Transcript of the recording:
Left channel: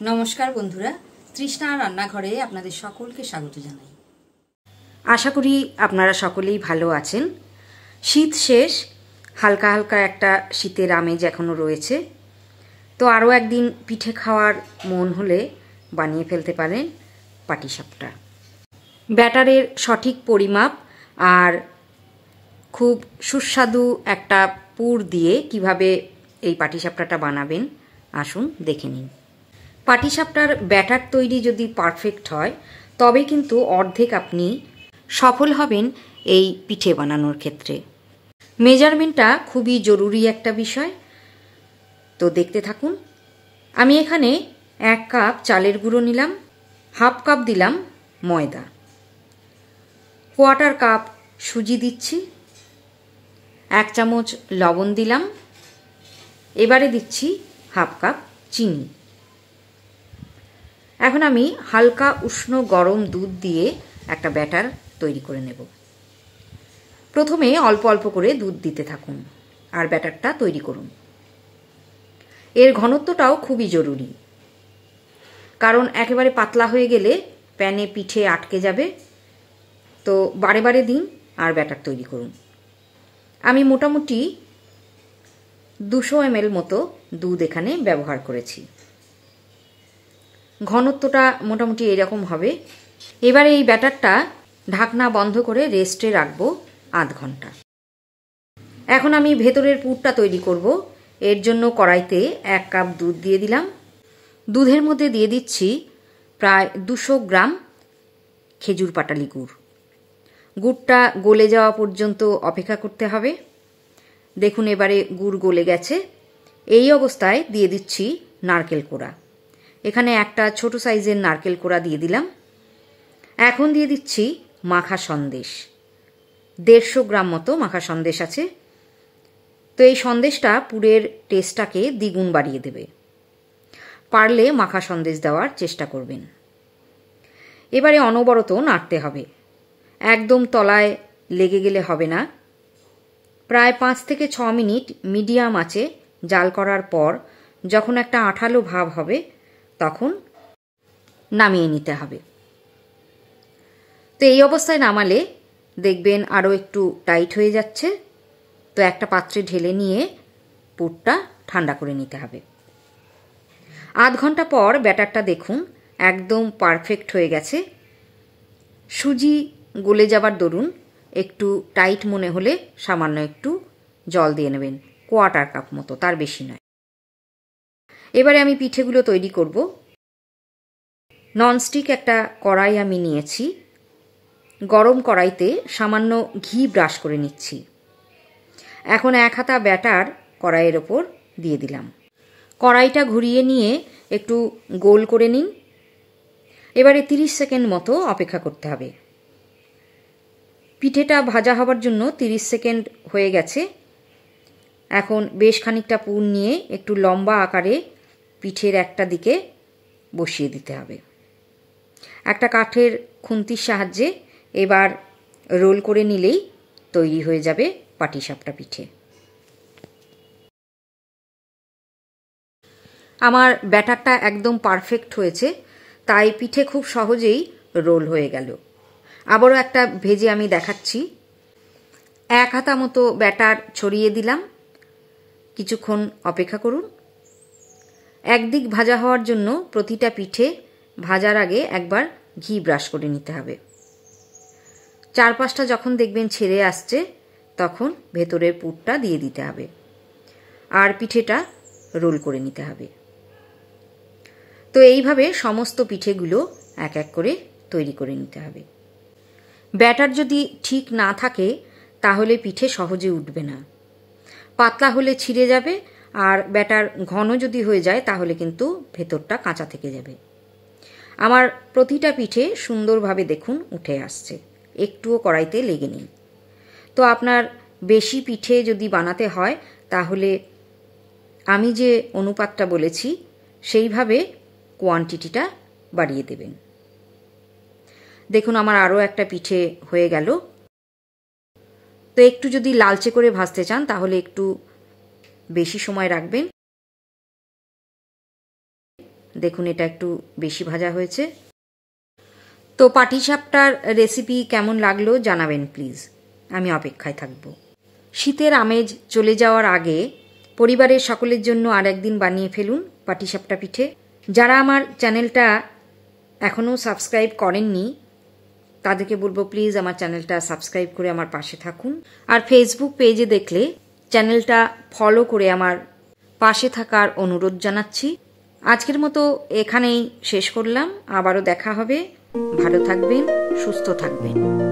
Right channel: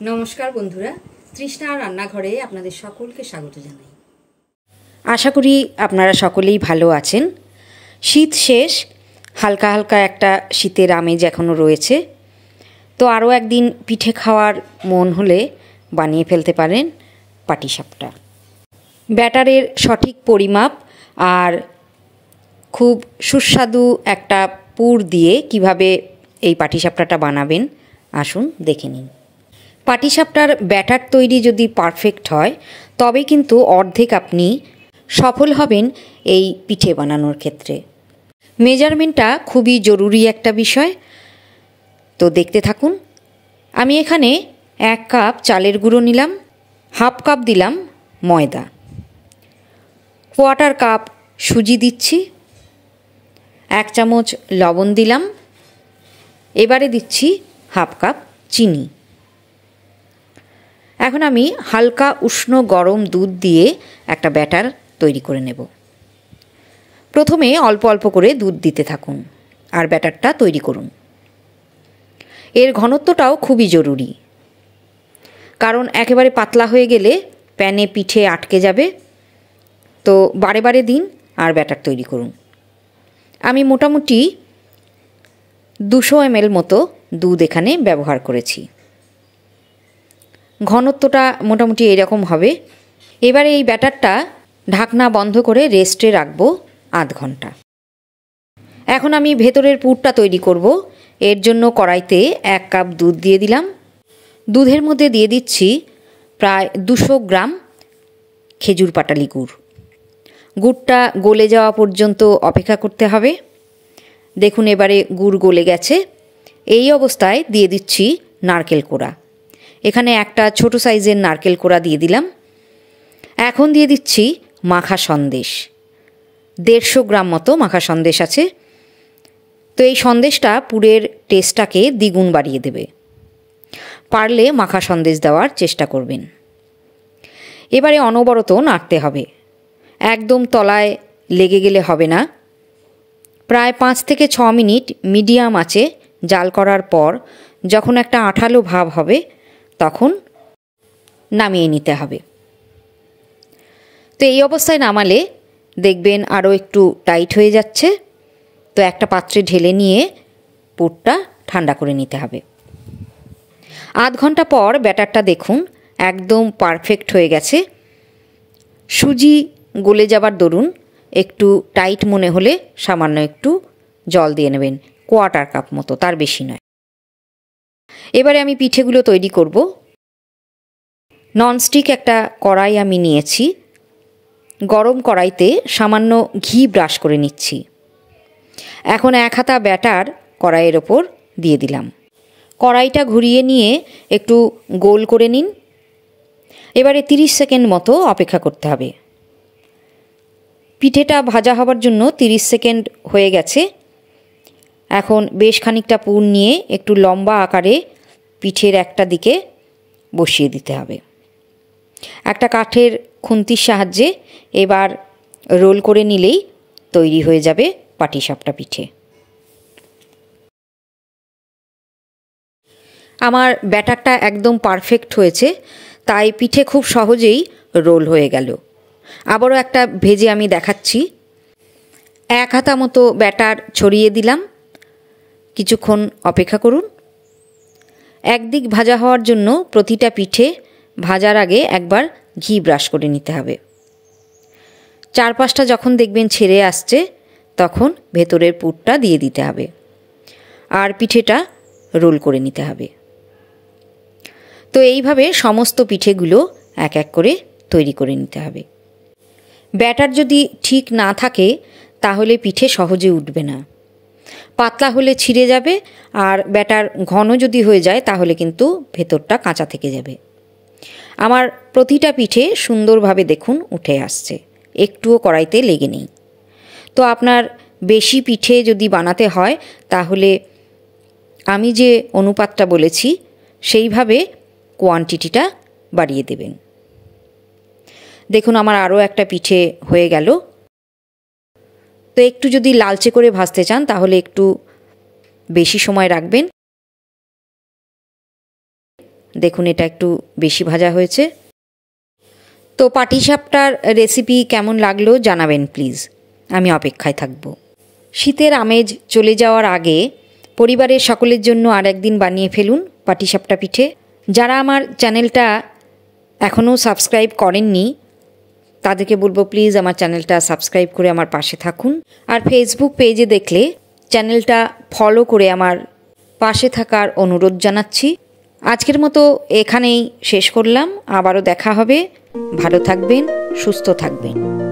নমস্কার বন্ধুরা, তৃষ্ণা রান্নাঘরে আপনাদের সকলকে স্বাগত জানাই। আশা করি আপনারা সকলেই ভালো আছেন। শীত শেষ, হালকা হালকা একটা শীতের আমেজ এখনও রয়েছে। তো আরও একদিন পিঠে খাওয়ার মন হলে বানিয়ে ফেলতে পারেন পাটিসাপটা। ব্যাটারের সঠিক পরিমাপ আর খুব সুস্বাদু একটা পুর দিয়ে কিভাবে এই পাটিসাপটাটা বানাবেন আসুন দেখে নিন। পাটিসাপটার ব্যাটার তৈরি যদি পারফেক্ট হয় তবে কিন্তু অর্ধেক আপনি সফল হবেন এই পিঠে বানানোর ক্ষেত্রে। মেজারমেন্টটা খুবই জরুরি একটা বিষয়, তো দেখতে থাকুন। আমি এখানে 1 কাপ চালের গুঁড়ো নিলাম, হাফ কাপ দিলাম ময়দা, 1/4 কাপ সুজি দিচ্ছি, 1 চামচ লবণ দিলাম, এবারে দিচ্ছি হাফ কাপ চিনি। এখন আমি হালকা উষ্ণ গরম দুধ দিয়ে একটা ব্যাটার তৈরি করে নেব। প্রথমে অল্প অল্প করে দুধ দিতে থাকুন আর ব্যাটারটা তৈরি করুন। এর ঘনত্বটাও খুবই জরুরি, কারণ একেবারে পাতলা হয়ে গেলে প্যানে পিঠে আটকে যাবে। তো বারে বারে দিন আর ব্যাটার তৈরি করুন। আমি মোটামুটি 200 ml মতো দুধ এখানে ব্যবহার করেছি। ঘনত্বটা মোটামুটি এরকম হবে। এবারে এই ব্যাটারটা ঢাকনা বন্ধ করে রেস্টে রাখবো আধ ঘন্টা। এখন আমি ভেতরের পুরটা তৈরি করব। এর জন্য কড়াইতে 1 কাপ দুধ দিয়ে দিলাম। দুধের মধ্যে দিয়ে দিচ্ছি প্রায় 200 গ্রাম খেজুর পাটালি গুড়। গুড়টা গলে যাওয়া পর্যন্ত অপেক্ষা করতে হবে। দেখুন এবারে গুড় গলে গেছে। এই অবস্থায় দিয়ে দিচ্ছি নারকেল কোড়া। এখানে একটা ছোট সাইজের নারকেল কোড়া দিয়ে দিলাম। এখন দিয়ে দিচ্ছি মাখা সন্দেশ। 150 গ্রাম মতো মাখা সন্দেশ আছে। তো এই সন্দেশটা পুরের টেস্টটাকে দ্বিগুণ বাড়িয়ে দেবে। পারলে মাখা সন্দেশ দেওয়ার চেষ্টা করবেন। এবারে অনবরত নাড়তে হবে, একদম তলায় লেগে গেলে হবে না। প্রায় 5 থেকে 6 মিনিট মিডিয়াম আঁচে জাল করার পর যখন একটা আঠালো ভাব হবে তখন নামিয়ে নিতে হবে। তো এই অবস্থায় নামালে দেখবেন আরও একটু টাইট হয়ে যাচ্ছে। তো একটা পাত্রে ঢেলে নিয়ে পুরটা ঠান্ডা করে নিতে হবে। আধ ঘন্টা পর ব্যাটারটা দেখুন একদম পারফেক্ট হয়ে গেছে। সুজি গলে যাবার দরুন একটু টাইট মনে হলে সামান্য একটু জল দিয়ে নেবেন, 1/4 কাপ মতো, তার বেশি নয়। এবারে আমি পিঠেগুলো তৈরি করব। ননস্টিক একটা কড়াই আমি নিয়েছি। গরম কড়াইতে সামান্য ঘি ব্রাশ করে নিচ্ছি। এখন 1 হাতা ব্যাটার কড়াইয়ের ওপর দিয়ে দিলাম। কড়াইটা ঘুরিয়ে নিয়ে একটু গোল করে নিন। এবারে 30 সেকেন্ড মতো অপেক্ষা করতে হবে। পিঠেটা ভাজা হবার জন্য 30 সেকেন্ড হয়ে গেছে। এখন বেশ খানিকটা পুর নিয়ে একটু লম্বা আকারে পিঠের একটা দিকে বসিয়ে দিতে হবে। একটা কাঠের খুন্তির সাহায্যে এবার রোল করে নিলেই তৈরি হয়ে যাবে পাটিসাপটা পিঠে। আমার ব্যাটারটা একদম পারফেক্ট হয়েছে, তাই পিঠে খুব সহজেই রোল হয়ে গেল। আবারও একটা ভেজে আমি দেখাচ্ছি। 1 হাতা মতো ব্যাটার ছড়িয়ে দিলাম। কিছুক্ষণ অপেক্ষা করুন। একদিক ভাজা হওয়ার জন্য প্রতিটা পিঠে ভাজার আগে একবার ঘি ব্রাশ করে নিতে হবে। চারপাশটা যখন দেখবেন ছেড়ে আসছে তখন ভেতরের পুরটা দিয়ে দিতে হবে আর পিঠেটা রোল করে নিতে হবে। তো এইভাবে সমস্ত পিঠেগুলো এক এক করে তৈরি করে নিতে হবে। ব্যাটার যদি ঠিক না থাকে তাহলে পিঠে সহজে উঠবে না। পাতলা হলে ছিঁড়ে যাবে, আর ব্যাটার ঘন যদি হয়ে যায় তাহলে কিন্তু ভেতরটা কাঁচা থেকে যাবে। আমার প্রতিটা পিঠে সুন্দরভাবে দেখুন উঠে আসছে, একটুও কড়াইতে লেগে নেই। তো আপনার বেশি পিঠে যদি বানাতে হয় তাহলে আমি যে অনুপাতটা বলেছি সেইভাবে কোয়ান্টিটিটা বাড়িয়ে দেবেন। দেখুন আমার আরও একটা পিঠে হয়ে গেল। তো একটু যদি লালচে করে ভাজতে চান তাহলে একটু বেশি সময় রাখবেন। দেখুন এটা একটু বেশি ভাজা হয়েছে। তো পাটিসাপটার রেসিপি কেমন লাগলো জানাবেন প্লিজ, আমি অপেক্ষায় থাকব। শীতের আমেজ চলে যাওয়ার আগে পরিবারের সকলের জন্য আর একদিন বানিয়ে ফেলুন পাটিসাপটা পিঠে। যারা আমার চ্যানেলটা এখনও সাবস্ক্রাইব করেননি তাদেরকে বলবো প্লিজ আমার চ্যানেলটা সাবস্ক্রাইব করে আমার পাশে থাকুন। আর ফেসবুক পেজে দেখলে চ্যানেলটা ফলো করে আমার পাশে থাকার অনুরোধ জানাচ্ছি। আজকের মতো এখানেই শেষ করলাম, আবারও দেখা হবে। ভালো থাকবেন, সুস্থ থাকবেন।